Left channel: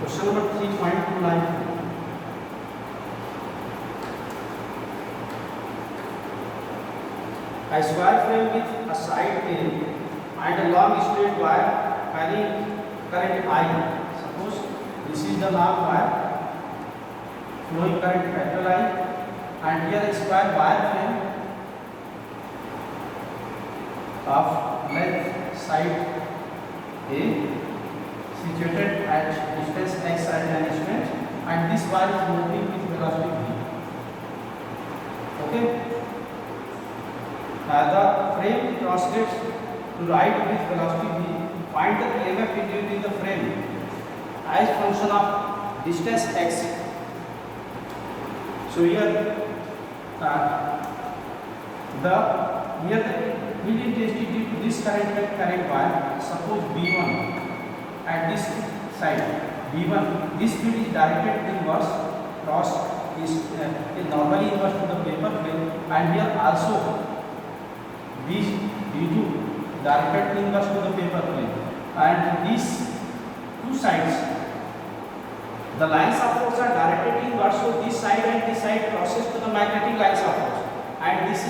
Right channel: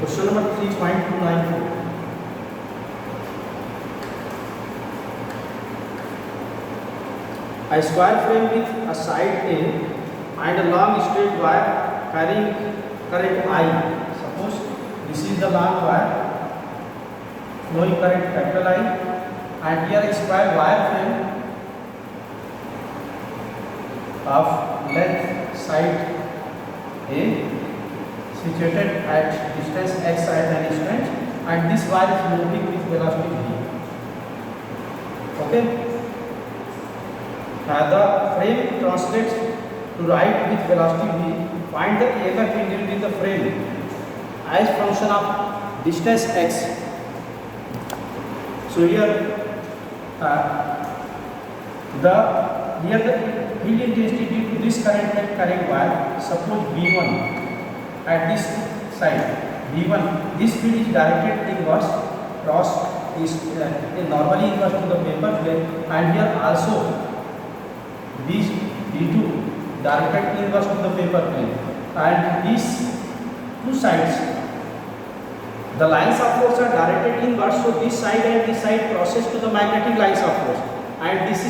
Question number 3.29. A square frame with a side A and a long straight wire carrying current I. Suppose this is the long wire flowing current capital I, and here a square wire frame of length side A situated at distance x at an instant, and this wire is moving with velocity v. Okay. The frame translates to right with velocity v. Find the EMF induced in the frame as function of distance x. So here the field intensity due to this current wire, suppose V1 at this side, V1, this field is directed inverse cross is normally inverse to the paper plane, and here also V2 directed inverse to the paper plane, and these two sides, the lines of force are directed inwards, so this side and this side crosses to the magnetic lines of force, and these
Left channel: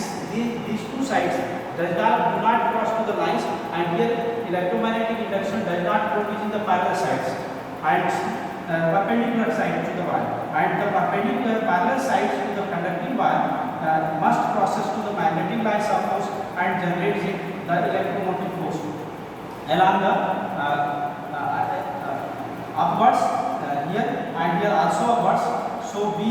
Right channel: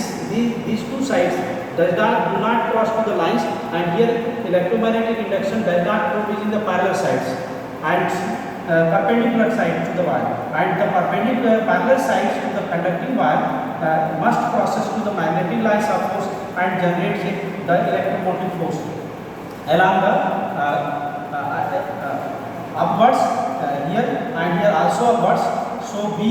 two sides do not cross to the lines, and here electromagnetic induction does not go within the parallel sides and perpendicular side to the wire, and the perpendicular parallel sides to the conducting wire must crosses to the magnetic lines of force and generates the electromotive force along the upwards here and here also upwards. So we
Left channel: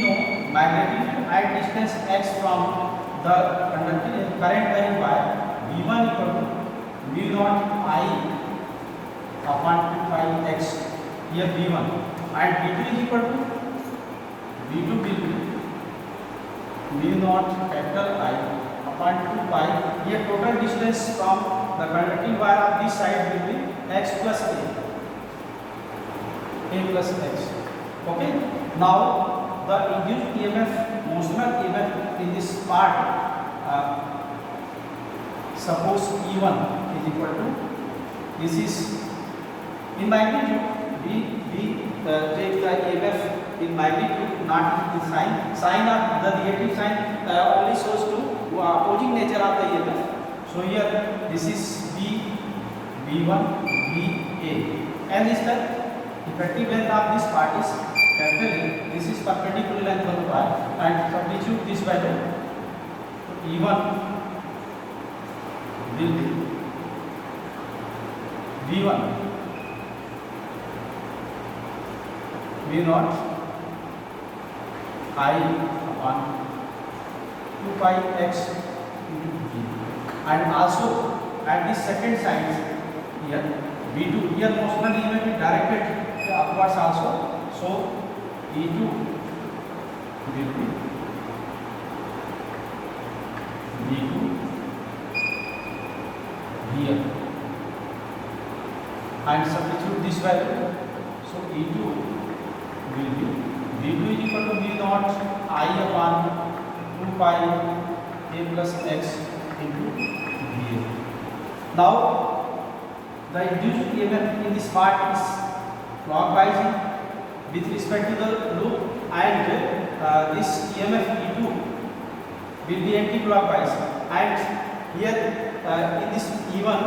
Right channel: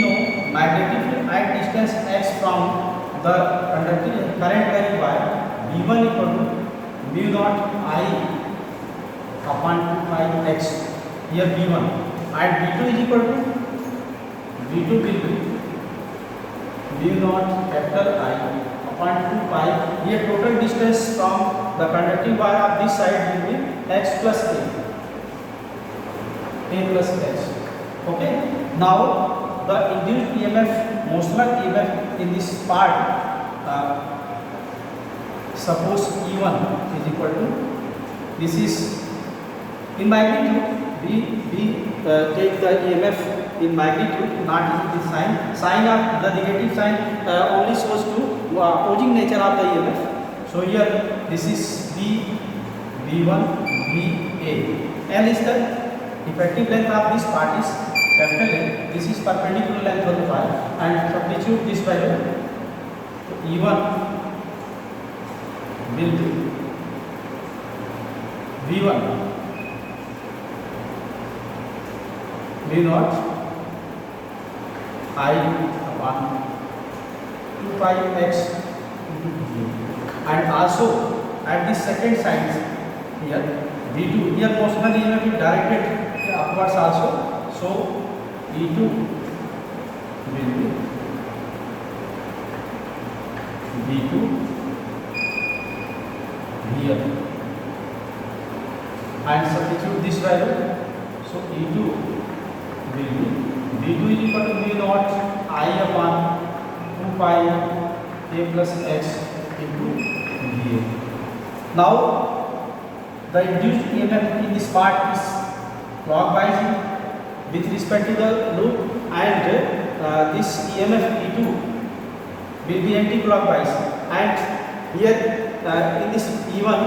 know magnetic field at distance x from the conducting current carrying wire, V1 equal to mu naught I upon 2πx, here V1, and V2 is equal to V2 will be mu naught capital I upon 2π. Here total distance from the conducting wire of this side will be x plus a plus x. Okay. Now the induced EMF, motional EMF in this part, suppose E1 is equal to, this is in magnitude, we take the EMF in magnitude, not in sign. Sign of the negative sign only shows to opposing nature of the EMF. So here this is V1, VA. L is the effective length of this part is capital L. This is perpendicular length of the wire, and substitute this value. E1 will be V1 mu naught I upon 2πx into v, and also at the second side here V2, here motional EMF is directed upwards also, so E2 will be V2 here, and substitute this value, so E2 will be V2 is equal to mu naught I upon 2π k plus x into VA. Now the induced EMF in this part is clockwise with respect to the loop, and this EMF E2 will be anti-clockwise, and here in this E1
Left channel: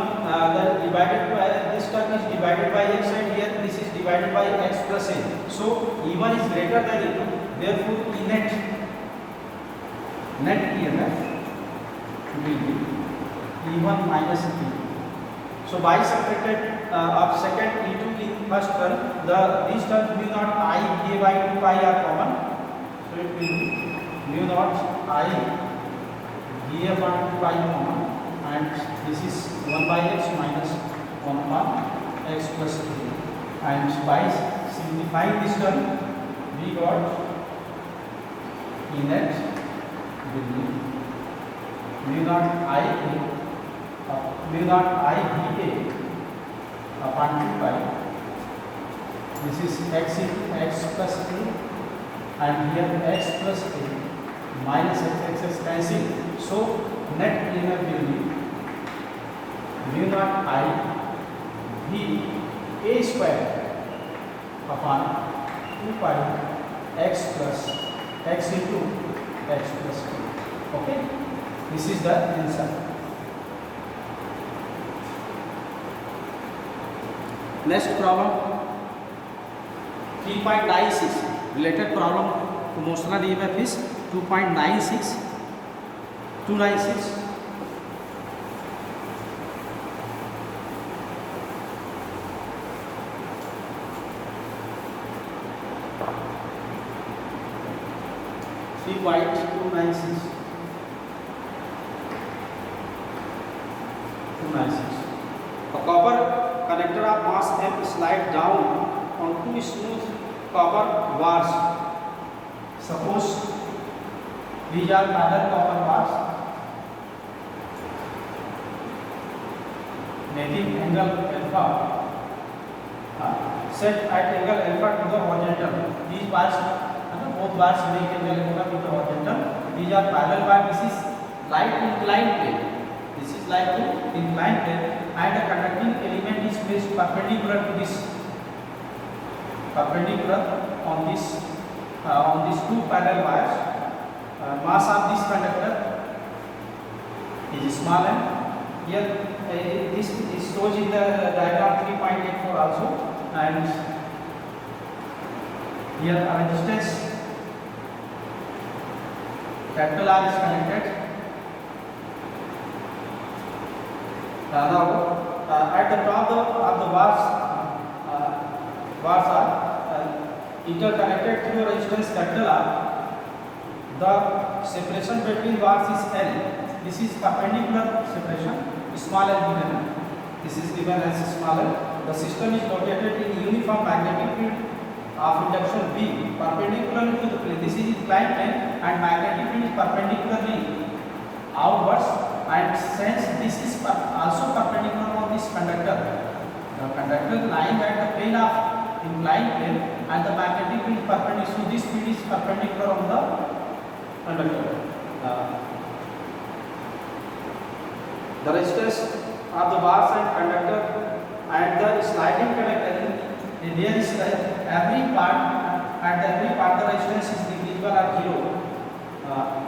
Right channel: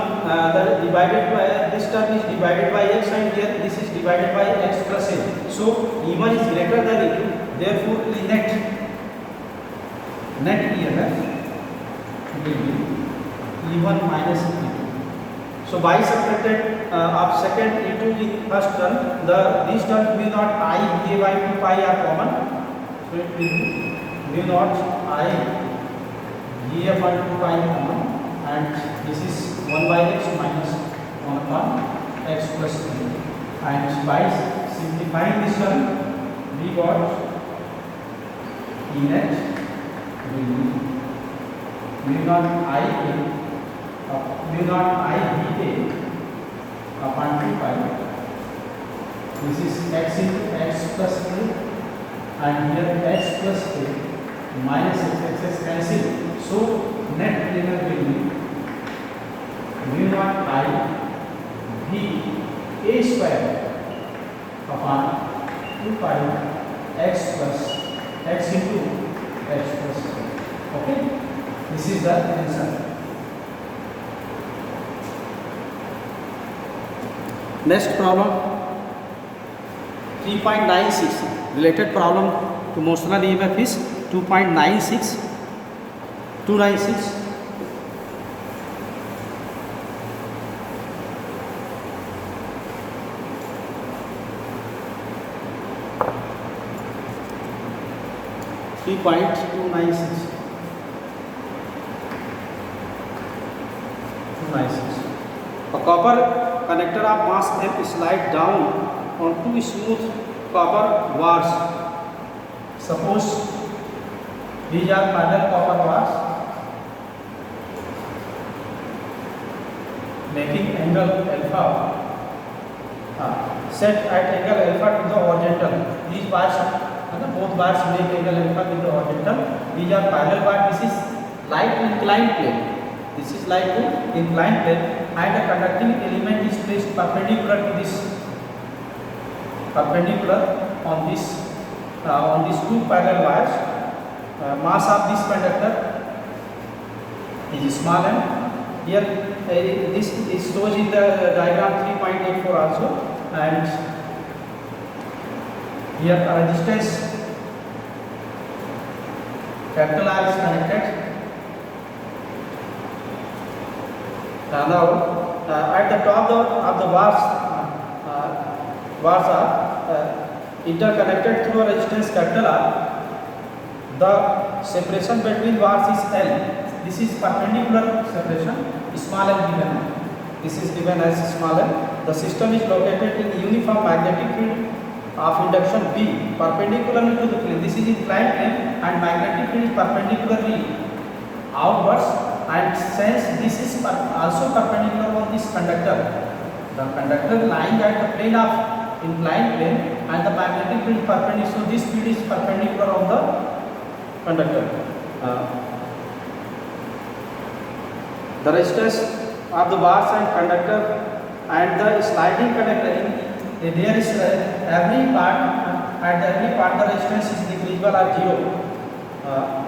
the divided by this term is divided by x, and here this is divided by x plus a. So E1 is greater than E2, therefore the net EMF will be E1 minus E2. So by subtracted of second E2 in first term, these terms mu naught I VA by 2π are common, so it will be mu naught I VA upon 2π common, and this is 1 by x minus 1 upon x plus 3, and by simplifying this term we got E net will be mu naught I mu naught I VA upon 2π, this is x into x plus a, and here x plus a minus x cancel, so net EMF will be mu naught I V A square upon 2 pi x plus x into x plus a. Okay, this is the answer. Next problem 3.96. Related problem to motional EMF is 2.96. 296. A copper connector of mass m slide down on two smooth copper bars. Suppose these are parallel copper bars making angle alpha. Set at angle alpha to the horizontal. These bars, both bars make angle alpha to the horizontal. These are parallel bars. This is light inclined plane. This is light to inclined plane, and the conducting element is placed perpendicular to this, perpendicular on these two parallel wires. Mass of this conductor is small m. Here this shows in the diagram 3.84 also, and here a resistance capital R is connected. Now at the top of the bars are interconnected through a resistance capital R. The separation between bars is L. This is perpendicular separation, small l given. This is given as small l. The system is located in uniform magnetic field of induction B, perpendicularly to the plane. This is inclined plane, and magnetic field is perpendicularly outwards. And since this is also perpendicular on this conductor, the conductor lying at the plane of inclined plane, and the magnetic field perpendicular. So this field is perpendicular on the conductor. The resistance of the bars and conductor and the sliding conductor, there is every part, at every part the resistance is negligible at 0,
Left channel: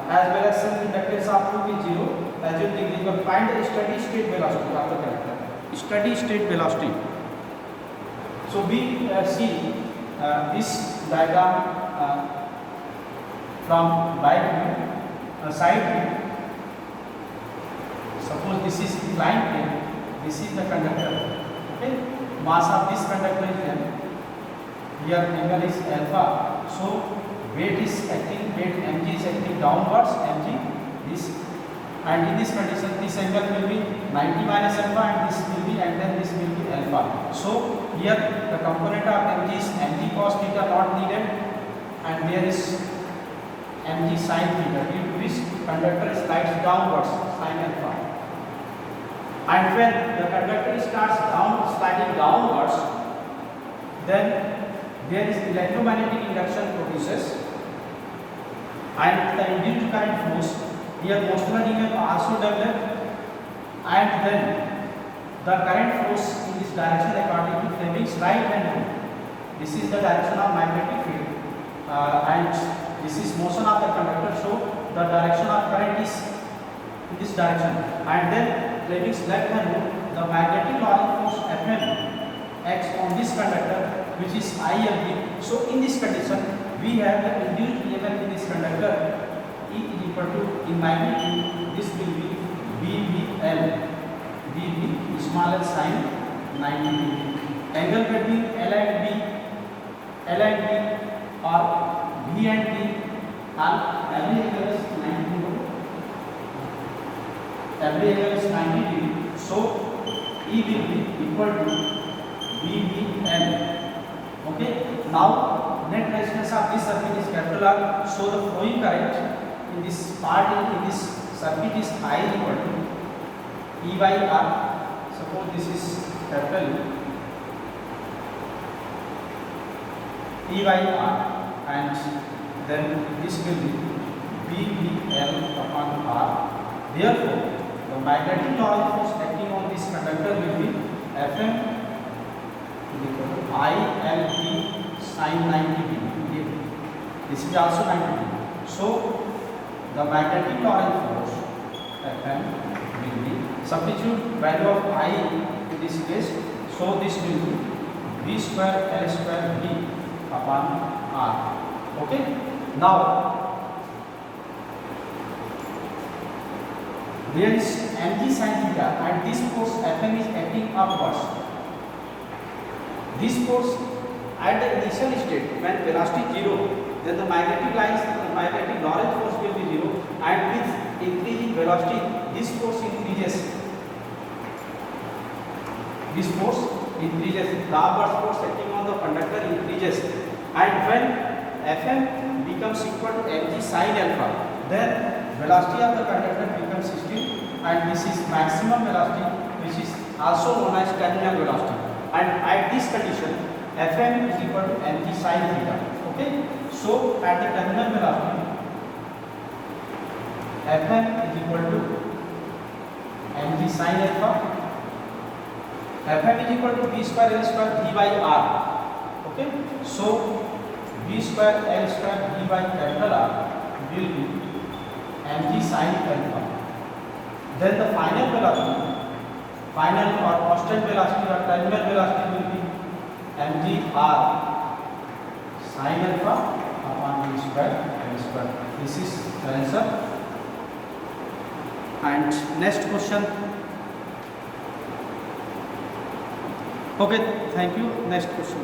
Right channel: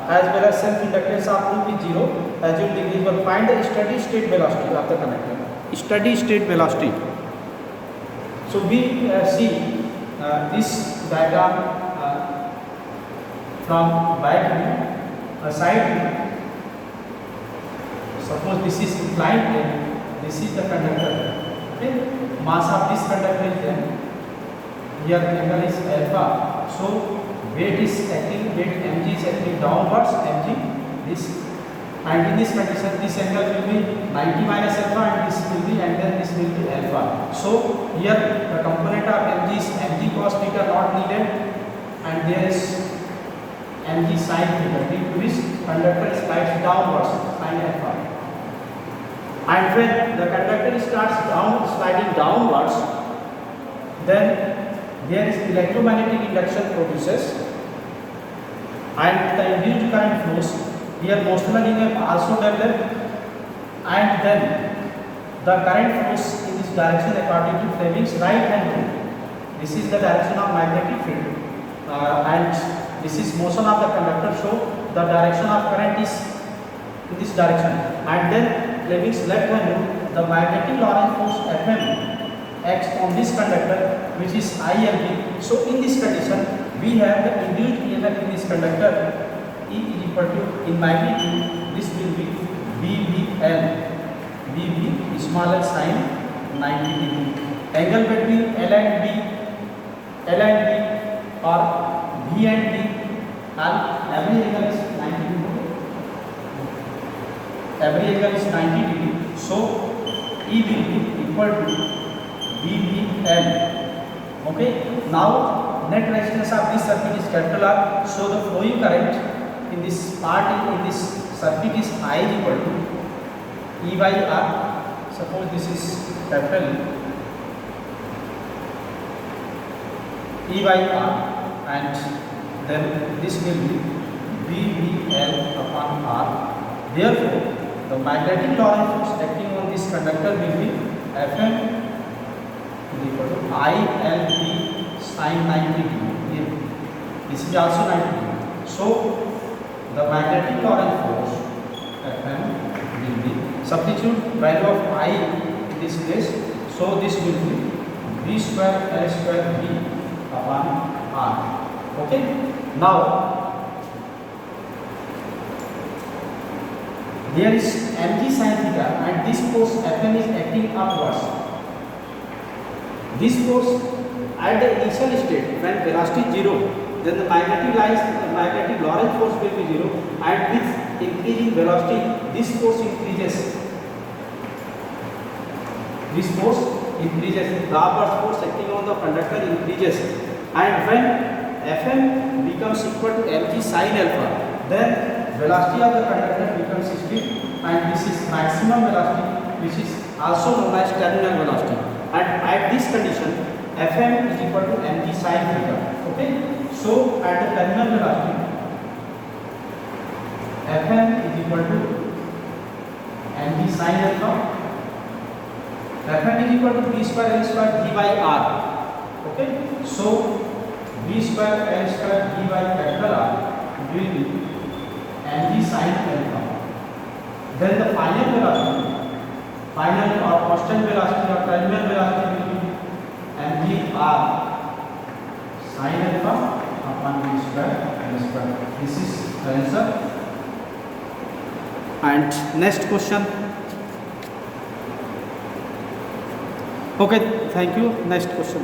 as well as self inductance of 2 is 0, as well negligible. Find the steady state velocity of the conductor. Steady state velocity. So we see this diagram from right view, side view. Suppose this is inclined plane, this is the conductor. Okay, mass of this conductor is there. Here angle is alpha. So weight is acting, weight mg is acting downwards, mg this, and in this condition this angle will be 90 minus alpha, and this will be, and then this will be alpha. So here the component of mg is mg cos theta not needed, and there is mg sin theta, due to which conductor slides downwards, sin alpha. And when the conductor starts sliding downwards, then there is electromagnetic induction produces, and the induced current flows. Here motional EMF also developed, and then the current flows in this direction according to Fleming's right hand rule. This is the direction of magnetic field, and this is motion of the conductor. So the direction of current is in this direction, and then Fleming's left hand rule, the magnetic Lorentz force Fm acts on this conductor, which is ILB. So in this condition we have the induced EMF in this conductor, E is equal to, in magnitude this will be BBL, BB small l sin 90 degree. Angle between L and B or B and D, and every angle is 90 degree. Every angle is 90 degree. So E will be equal to BBL. Okay. Now net resistance of this circuit is capital R. So the flowing current in this part, in this circuit is I equal to E by R. Suppose this is capital E by R, and then this will be BBL upon R. Therefore, the magnetic Lorentz force acting on this conductor will be Fm is equal to ILP sin 90 degree. This is also 90 degree. So the magnetic Lorentz force Fm will be, substitute value of I in this place. So this will be V square L square V upon R. Okay. Now there is mg sin theta and this force Fm is acting upwards. This force at the initial state when velocity is 0, then the magnetic Lorentz force will be 0, and with increasing velocity this force increases. This force increases, the upward force acting on the conductor increases, and when Fm becomes equal to mg sin alpha, then velocity of the conductor becomes still, and this is maximum velocity, which is also known as terminal velocity. And at this condition, Fm is equal to mg sin theta. Okay, so at the terminal velocity, Fm is equal to mg sin alpha. Fm is equal to v square L square V by R. Okay, so v square L square V by capital R will be mg sin alpha. Then the final velocity, final or constant velocity or terminal velocity will be mg r sin alpha upon v square L square. This is the answer. And next question. Okay, thank you. Next question.